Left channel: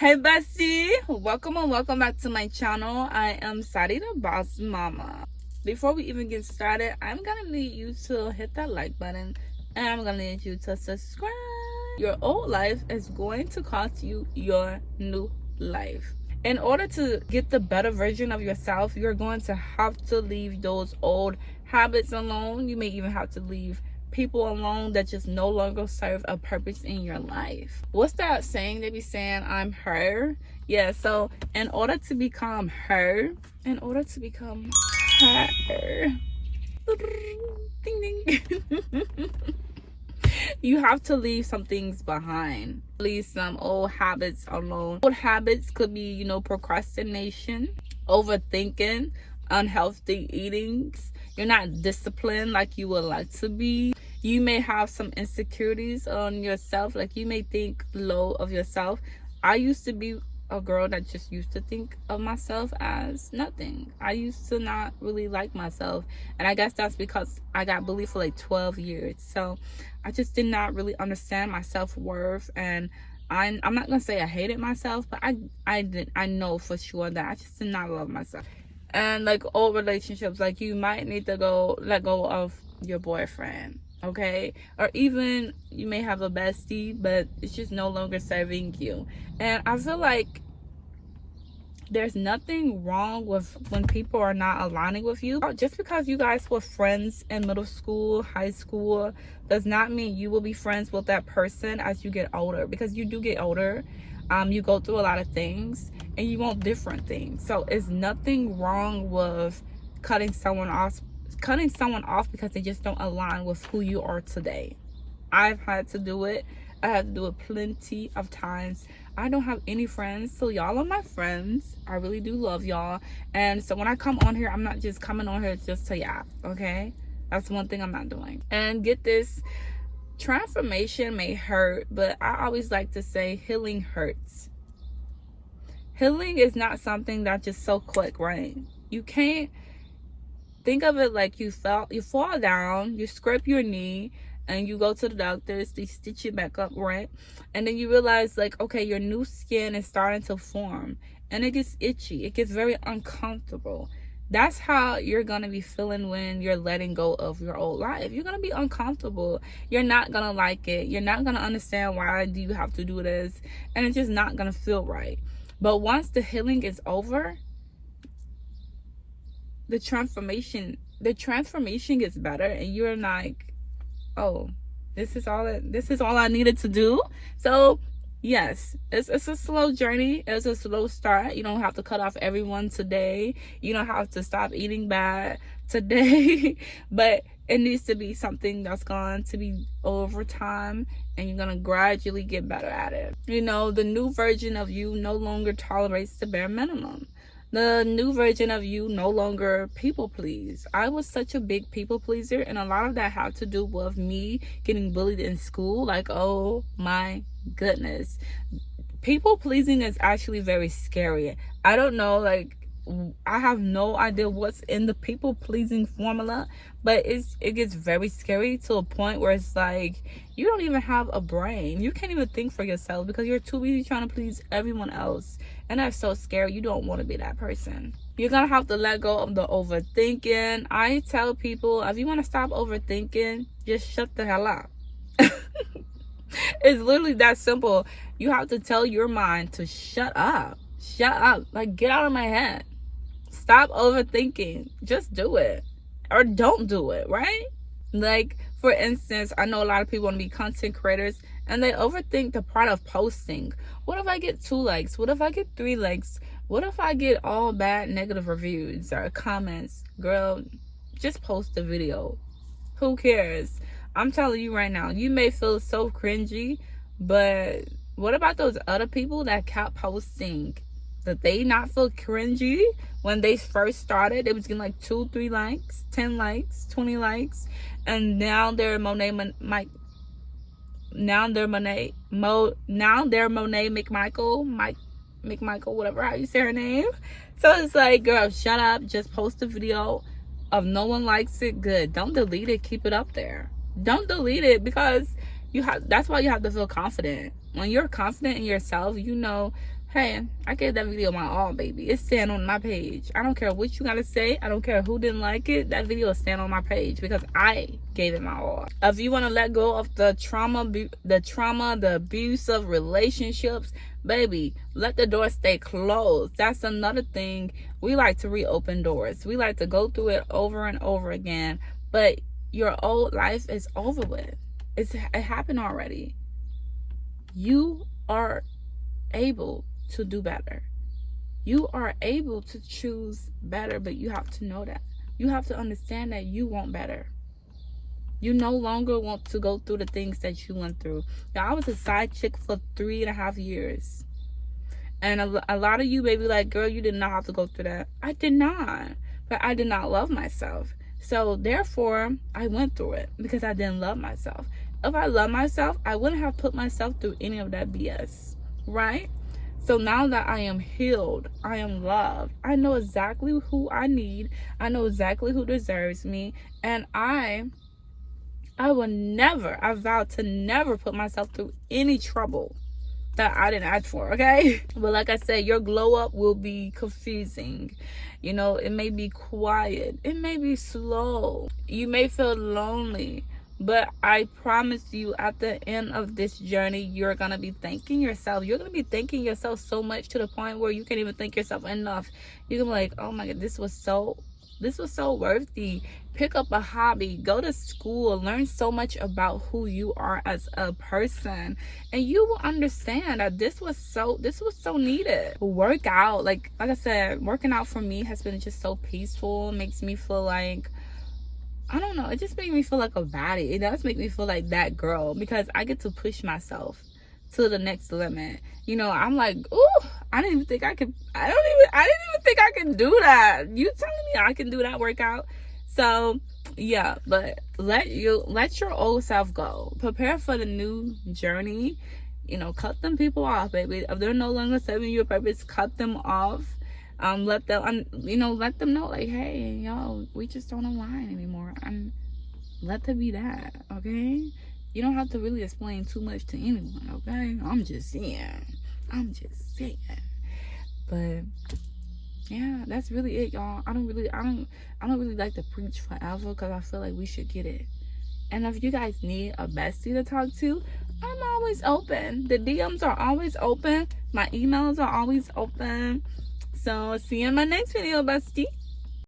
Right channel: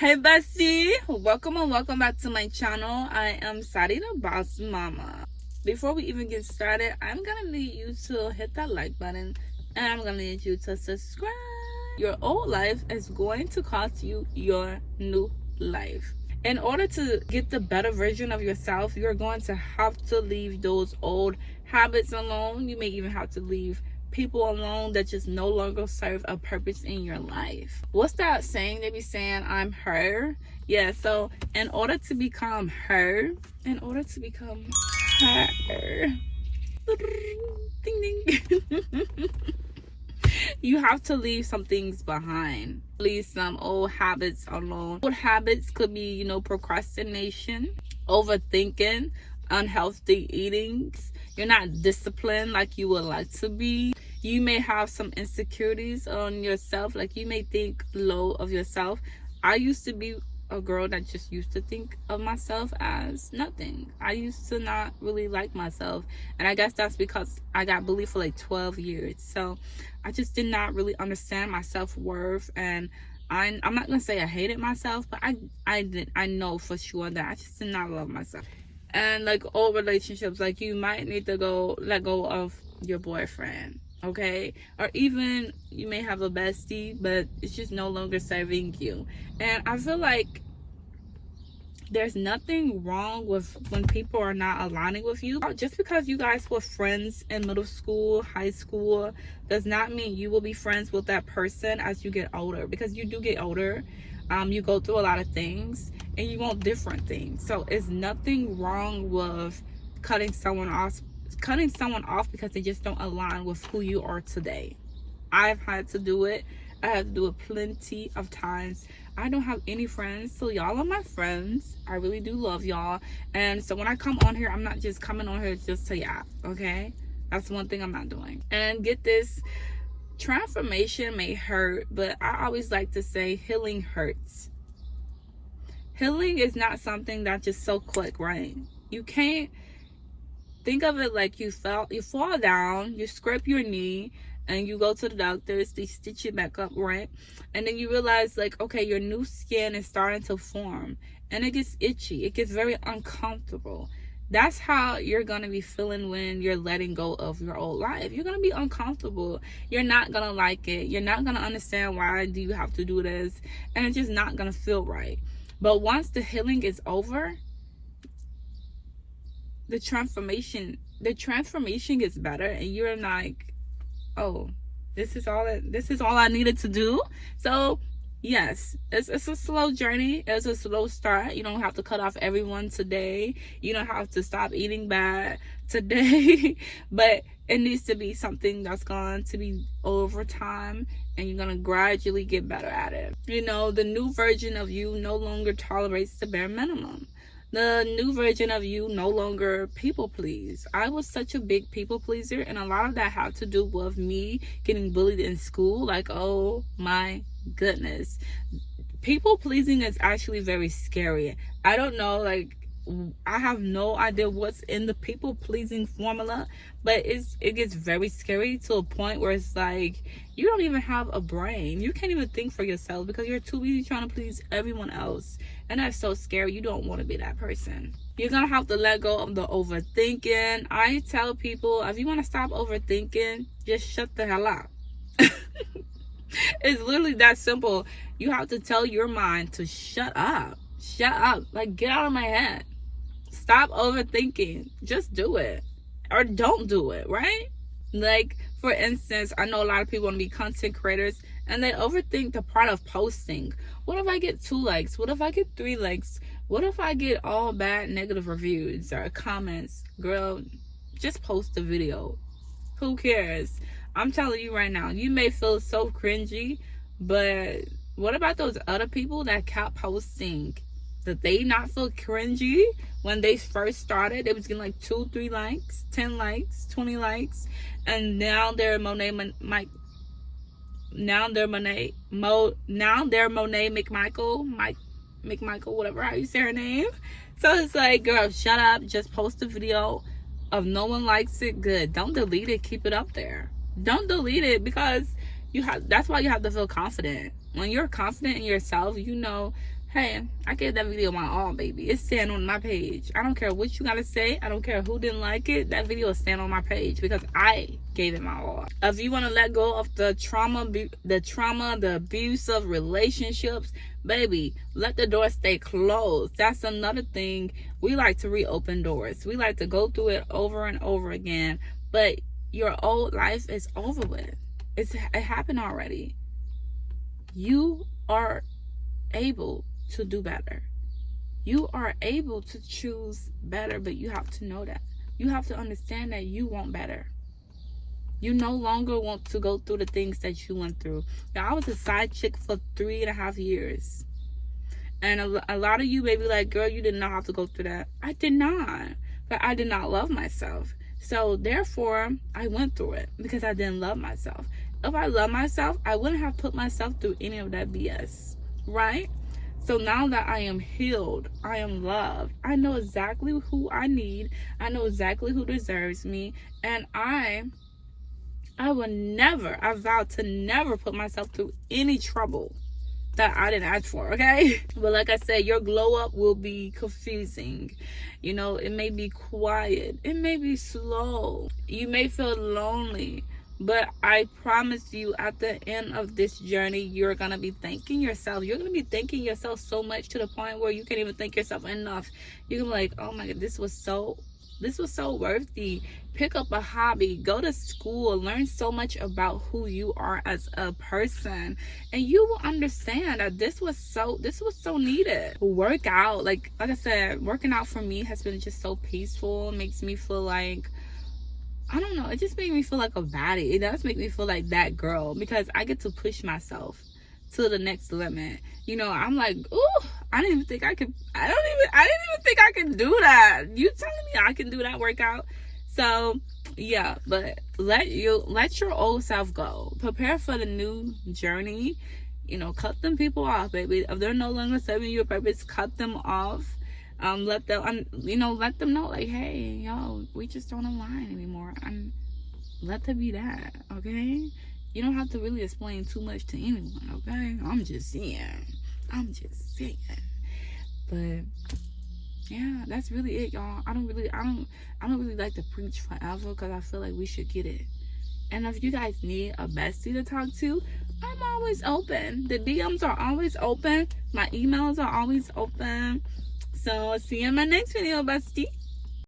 Hey bestie, welcome and welcome back to my channel. I am Sadi the Boss Mama. Before we even get started, I'm gonna need you to hit that like button and I'm gonna need you to subscribe. Your old life is going to cost you your new life. In order to get the better version of yourself, you're going to have to leave those old habits alone. You may even have to leave people alone that just no longer serve a purpose in your life. What's that saying they be saying? I'm her. Yeah, so in order to become her, ding ding, you have to leave some things behind. Leave some old habits alone. Old habits could be, procrastination, overthinking, unhealthy eatings. You're not disciplined like you would like to be. You may have some insecurities on yourself, like you may think low of yourself. I used to be a girl that just used to think of myself as nothing. I used to not really like myself, and I guess that's because I got bullied for like 12 years. So I just did not really understand my self-worth, and I'm not gonna say I hated myself, but I know for sure that I just did not love myself. And like old relationships, like you might need to let go of your boyfriend, okay? Or even you may have a bestie, but it's just no longer serving you. And I feel like there's nothing wrong with when people are not aligning with you. Just because you guys were friends in middle school, high school, does not mean you will be friends with that person as you get older, because you do get older. You go through a lot of things and you want different things. So it's nothing wrong with cutting someone off because they just don't align with who you are today. I've had to do it. I had to do it plenty of times. I don't have any friends, so y'all are my friends. I really do love y'all. And so when I come on here, I'm not just coming on here just to yap, okay? That's one thing I'm not doing. And get this, transformation may hurt, but I always like to say healing hurts. Healing is not something that's just so quick, right? You can't think of it like you fall down, you scrape your knee, and you go to the doctors, they stitch it back up, right? And then you realize, like, okay, your new skin is starting to form, and it gets itchy, it gets very uncomfortable. That's how you're gonna be feeling when you're letting go of your old life. You're gonna be uncomfortable. You're not gonna like it. You're not gonna understand why do you have to do this, and it's just not gonna feel right. But once the healing is over, the transformation gets better, and you're like, oh, this is all I needed to do. So yes, it's a slow journey. It's a slow start. You don't have to cut off everyone today. You don't have to stop eating bad today. But it needs to be something that's going to be over time, and you're going to gradually get better at it. The new version of you no longer tolerates the bare minimum. The new version of you no longer people please. I was such a big people pleaser, and a lot of that had to do with me getting bullied in school. Like, oh my goodness. People pleasing is actually very scary. I don't know, like, I have no idea what's in the people pleasing formula, but it gets very scary to a point where it's like you don't even have a brain. You can't even think for yourself because you're too busy trying to please everyone else. And that's so scary. You don't want to be that person. You're going to have to let go of the overthinking. I tell people, if you want to stop overthinking, just shut the hell up. It's literally that simple. You have to tell your mind to shut up. Shut up. Like, get out of my head. Stop overthinking. Just do it. Or don't do it, right? Like, for instance, I know a lot of people want to be content creators, and they overthink the part of posting. What if I get 2 likes? What if I get 3 likes? What if I get all bad negative reviews or comments? Girl, just post the video. Who cares? I'm telling you right now, you may feel so cringy, but what about those other people that kept posting? Did they not feel cringy when they first started? They was getting like 2, 3 likes, 10 likes, 20 likes, and now they're Monet McMichael, whatever how you say her name. So it's like, girl, shut up. Just post a video. If no one likes it, good. Don't delete it. Keep it up there. Don't delete it, because that's why you have to feel confident. When you're confident in yourself, you know Hey, I gave that video my all, baby. It's staying on my page. I don't care what you gotta say. I don't care who didn't like it. That video is staying on my page because I gave it my all. If you want to let go of the trauma, the abusive relationships, baby, let the door stay closed. That's another thing. We like to reopen doors. We like to go through it over and over again. But your old life is over with. It happened already. You are able to do better. You are able to choose better, but you have to know that. You have to understand that you want better. You no longer want to go through the things that you went through. Now, I was a side chick for 3.5 years. And a lot of you may be like, girl, you did not have to go through that. I did not. But I did not love myself. So therefore, I went through it because I didn't love myself. If I loved myself, I wouldn't have put myself through any of that BS. Right? So now that I am healed, I am loved, I know exactly who I need, I know exactly who deserves me, and I will never, I vow to never put myself through any trouble that I didn't ask for, okay? But like I said, your glow up will be confusing. You know, it may be quiet, it may be slow, you may feel lonely. But I promise you, at the end of this journey, you're going to be thanking yourself. You're going to be thanking yourself so much to the point where you can't even thank yourself enough. You're going to be like, oh my God, this was so worthy. Pick up a hobby, go to school, learn so much about who you are as a person. And you will understand that this was so needed. Work out. Like I said, working out for me has been just so peaceful. It makes me feel like, I don't know, it just makes me feel like a baddie. It does make me feel like that girl because I get to push myself to the next limit. You know, I'm like, ooh, I didn't even think I could do that. You telling me I can do that workout? So yeah, but let your old self go. Prepare for the new journey. You know, cut them people off, baby. If they're no longer serving your purpose, cut them off. Let them know, like, hey, yo, we just don't align anymore. And let them be that, okay? You don't have to really explain too much to anyone, okay? I'm just saying. But yeah, that's really it, y'all. I don't really like to preach forever because I feel like we should get it. And if you guys need a bestie to talk to, I'm always open. The DMs are always open. My emails are always open. So see you in my next video, bestie.